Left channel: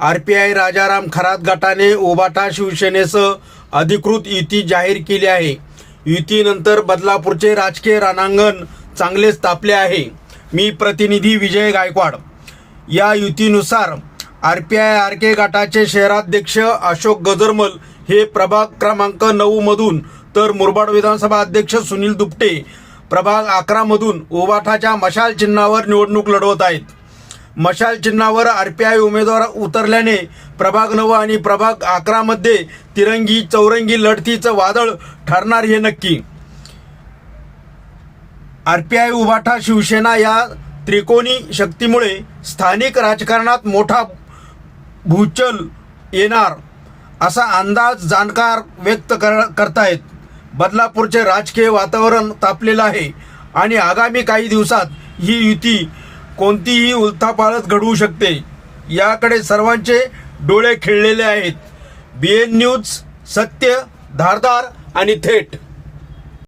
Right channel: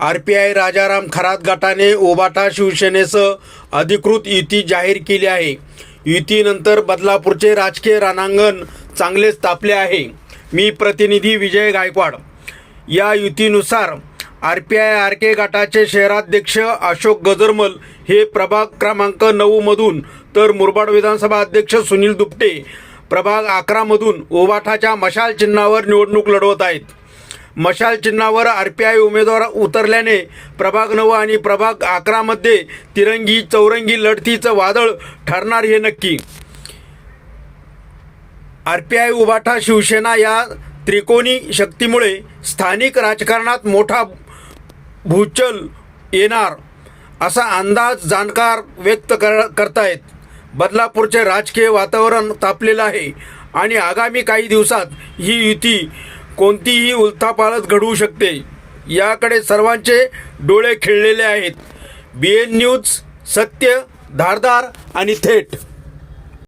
RPI Rajaram Kharat गटाने उबाटा शिवसेनेसह अधिकृत युती जाहीर केली आहे. युतीनंतर बदलापूरचे राजकीय रणांगण चांगलेच तापले आहे. मी प्रतिनिधी विजय गायकवाड. या युतीनुसार RPI RK गटाचे शहराध्यक्ष अशोक गजरमल हे प्रभाग क्रमांक 9 मधून तर मुरबाड विधानसभा अध्यक्ष सुनील दुपटे प्रभाग 11 मधून उबाटाच्या मशाल चिन्हावर निवडणूक लढवत आहेत. मशाल चिन्हावर RPI उमेदवार उतरल्याने प्रभाग 9 आणि प्रभाग 11 मध्ये तिरंगी चौरंगी लढतीचं वादळ ठरणार हे नक्की. RPI उबाटा शिवसेना या त्रिकोणी शक्तीमुळे स्थानिक राजकारणात मोठा भूचल येणार असा अंदाज जाणकार व्यक्त करतायत. बदलापूरचे राजकीय वातावरण तापलेलं आहे आणि आगामी काही दिवसात ही युती कोणतीही उलथापालथ घडवू शकते याकडे सर्वांचे डोळे खिळलेले आहेत. BN न्यूज, सत्य, धारदार आणि थेट.